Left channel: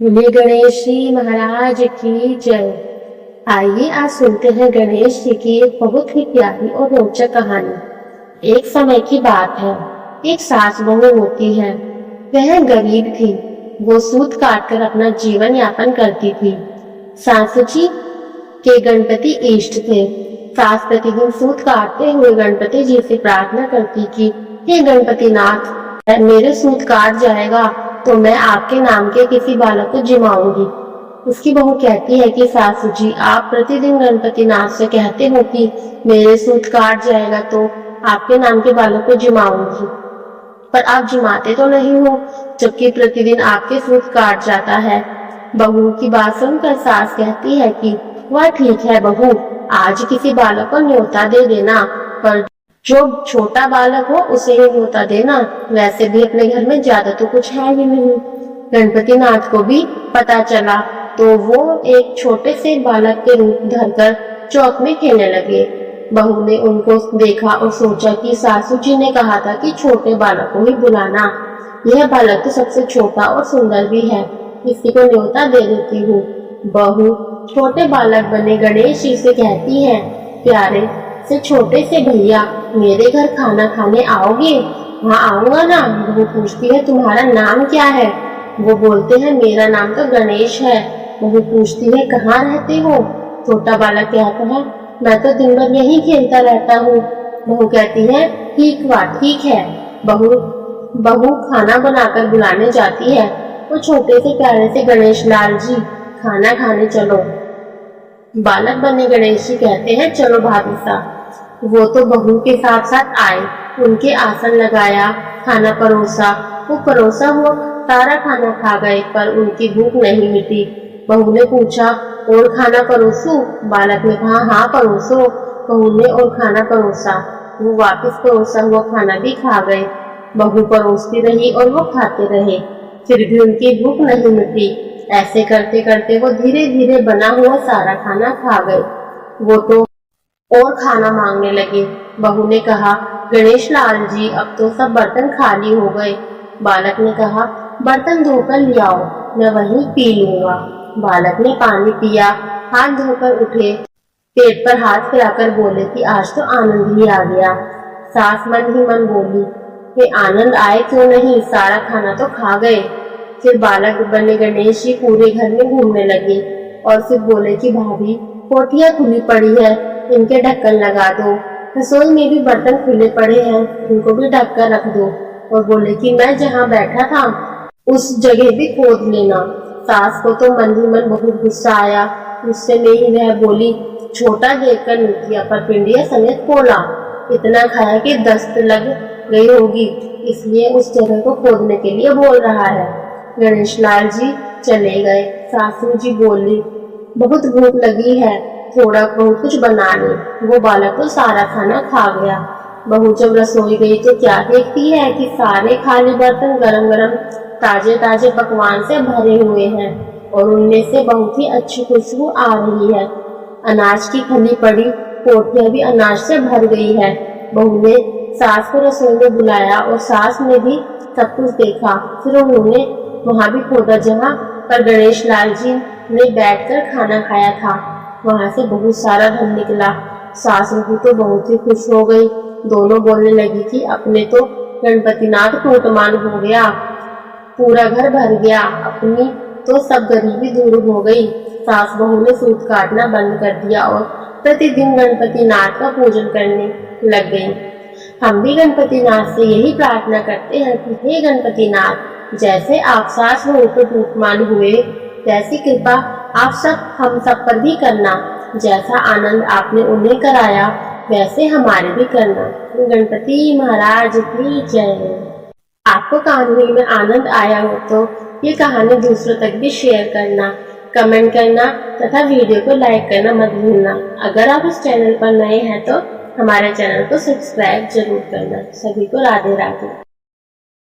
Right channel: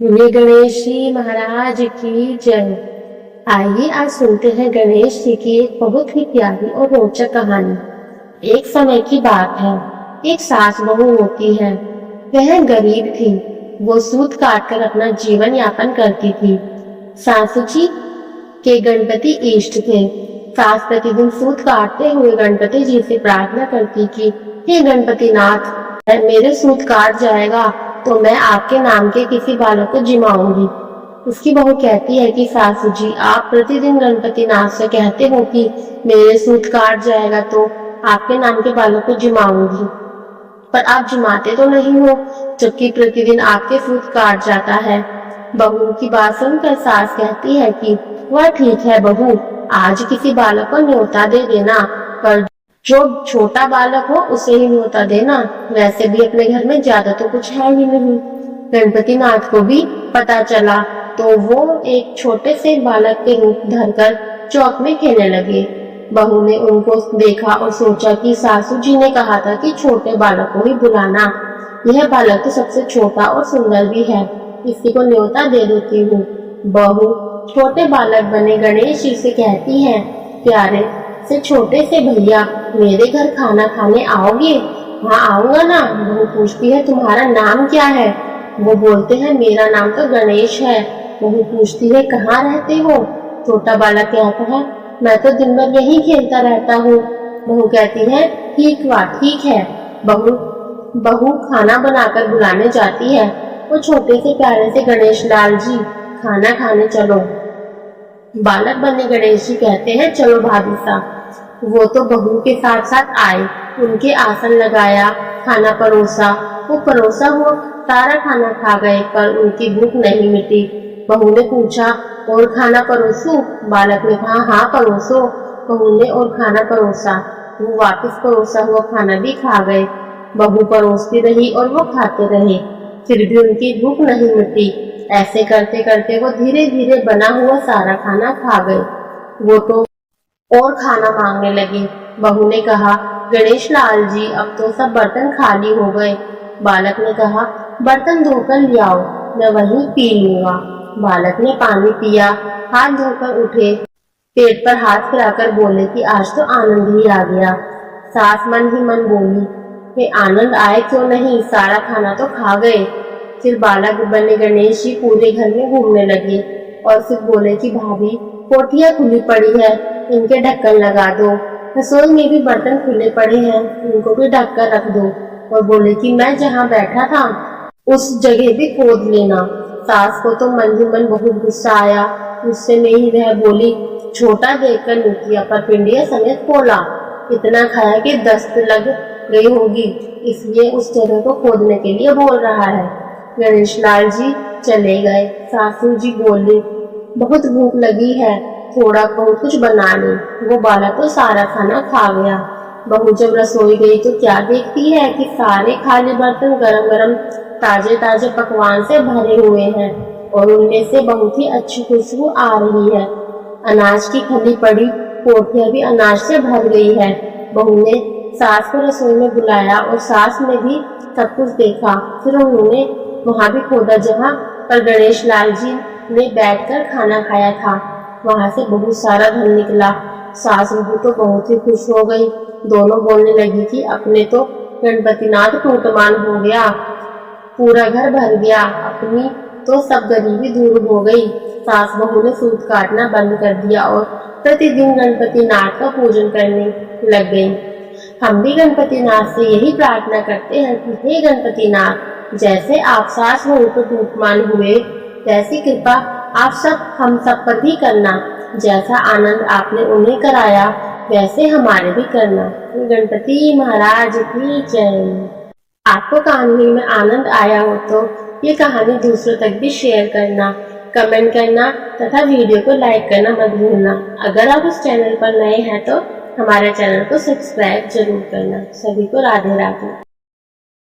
बोलिए गणेश जी महाराज की जय। आइए आज सुनते हैं गणेश जी की एक बहुत ही प्यारी और रोचक कहानी। एक समय की बात है, एक सास बहू होती है। वह गरीब थी। वो सूत काट कर अपना जीवन यापन करती थी। सासू जी के गणपति इष्ट थे। सास प्रतिदिन सूत काटते हुए गणपति जी से प्रार्थना करती कि हे गणपति नाथ, मेरे सूत काट जाएगा तो मैं आपके नाम के किसी बालक को जिमाऊंगी। उसकी बहू कहती है कि सासू जी, आप प्रतिदिन गणपति नाथ से कहते हो कि मेरे सूत काट जाएगा तो आपके नाम के बालक को जिमाऊंगी, पर आप जिमाते तो नहीं हो, जबकि प्रतिदिन आपके सूत काट जाता है। बहू की बात सुनकर सास कहती है कि वह ठीक है बहू, आज किसी बालक को न्योता दे देना, पर जो छोटा बालक हो उसे ही न्योता देना। वैसे भी अपने घर में ज्यादा तो कुछ है ही नहीं। गणपति नाथ को भी पता चला तो वो एक छोटे से बालक के रूप धरकर चौक में खेलने लगे। बहू ने उनको देखा और सोचा कि सासू जी ने कहा था कि छोटे बालक को ही बुलाना। यह बालक तो सबसे छोटा और सुंदर भी है, इसी को न्योता दे देती हूँ। बहू छोटे बालक बने गणेश जी से कहती है, प्यारे से छोटे से भैया, मेरे घर खाना खाने आओगे? हाँ आऊंगा ना। बहू पूछती है, तुम्हारा नाम क्या है? वो बोलते हैं, मेरा नाम तो गणेश है। बहू पूछती है, कहाँ रहते हो? छोटा बालक कहता है, मैं तो दिन भर यहीं खेलता रहता हूँ। बहू कहती है, ठीक है। बहू खाना बनाकर बुलाने जाती है। वो छोटे से प्यारे से गणेश लाल जी, खाना खाने चलो। बालक बने गणेश जी कहते हैं, चलो भाभी साहब। वो तो बहू के साथ साथ आए, उनके आसन लगाया, खाना परोसा। वो परोसा हुआ सारा खाना खा गए, पर उनकी भूख नहीं मिटी। बहू ने पूछा, और खाना परोसूं? बालक ने कहा, हाँ परोसो। बहू ने और खाना परोसा। वो वापस परोसा हुआ खाना भी खा गए। बहू परोसती रही और वो खाते रहे, फिर भी उनकी भूख नहीं मिटी। ऐसे करते करते वो धीरे धीरे बना हुआ सारा खाना खा गए। वो तो और खाना मांगने लगे। बहू ने कहा, गणेश लाल जी, अब तो सब बर्तन खाली हो गए। बालक ने कहा, बर्तन धोकर ले आओ, मैं वहीं पी लूंगा। बालक ने पानी पिया, हाथ धोकर उठे, पेट पर हाथ फिराकर बोले कि आज तो आनंद ही आ गया। सास मन ही मन बोली, ये आनंद आए क्यों नहीं, सारा खाना तो खा गए। फिर बालक बने गणेश जी पूरे घर में घूमने लगे और फिर बोले कि भाभी, कोठियां खुली पड़ी है, इनके ढक्कन लगा दो। रसोई में भी बर्तन खुले पड़े हैं, इनको भी ढक कर रख दो। और बोले कि मैं जहाँ बैठा था उस जगह भी खोद लेना। सास को तो मन ही मन बहुत गुस्सा आया। गुस्से में ही वह बोली, छोटा देखकर नीतिया पर पिंडिया समेत खोला, इतना खाया कि दस्त लग गई होगी, इसलिए उस जगह को खोदने के लिए बोल रहा है। गणेश लाल जी चले गए। सासू जी बोली, बहुत भूख लगी है, थोड़ा बहुत कुछ बना ले। वो बालक तो सारा खाना खा गया। बहू जब रसोई गई तो क्या देखती है कि सारे खाली बर्तन गरम गरम ताजे ताजे पकवान से भरे हुए हैं और उनमें से बहुत ही अच्छी खुशबू आ रही है। अनाज की खली पड़ी कोठियां भी अनाज से भर गई है। बहू ने सास को रसोई में बुलाया और सास ने भी सब कुछ देखा। फिर उन्होंने वहां भी खोदा जहां पर गणेश लाल जी ने बैठकर खाना खाया था। वहां से बहुत सारा धन निकला। सास बहू तो बहुत ही खुश हो गई। दोनों बोलने लगी कि अपने तो गणपति नाथ टूटमान हो गया, पूरा घर भर गया, अपनी तो सब गरीबी दूर हो गई। सास बहू ने सूत काटना बंद कर दिया और प्रतिदिन गणपति नाथ का पूजन करने लग गई। हम भी गणपति नाथ से यही प्रार्थना करते हैं कि हे गणपति नाथ, जैसे आप सास बहू को टूटमान हुए, वैसी कृपा आप हम सब पर भी करना। जैसा आनंद आपने उन्हें कराया, वैसे हमारे भी करना। गणपति महाराज की जय। आपको कहानी में आनंद आया हो तो ये कहानी दूसरों तक भी शेयर करना, कमेंट करना तथा वीडियो को लाइक करना मत भूलना। अगर आप इस चैनल पर नए हैं तो हमारे चैनल को सब्सक्राइब जरूर करना। सभी को राधे राधे।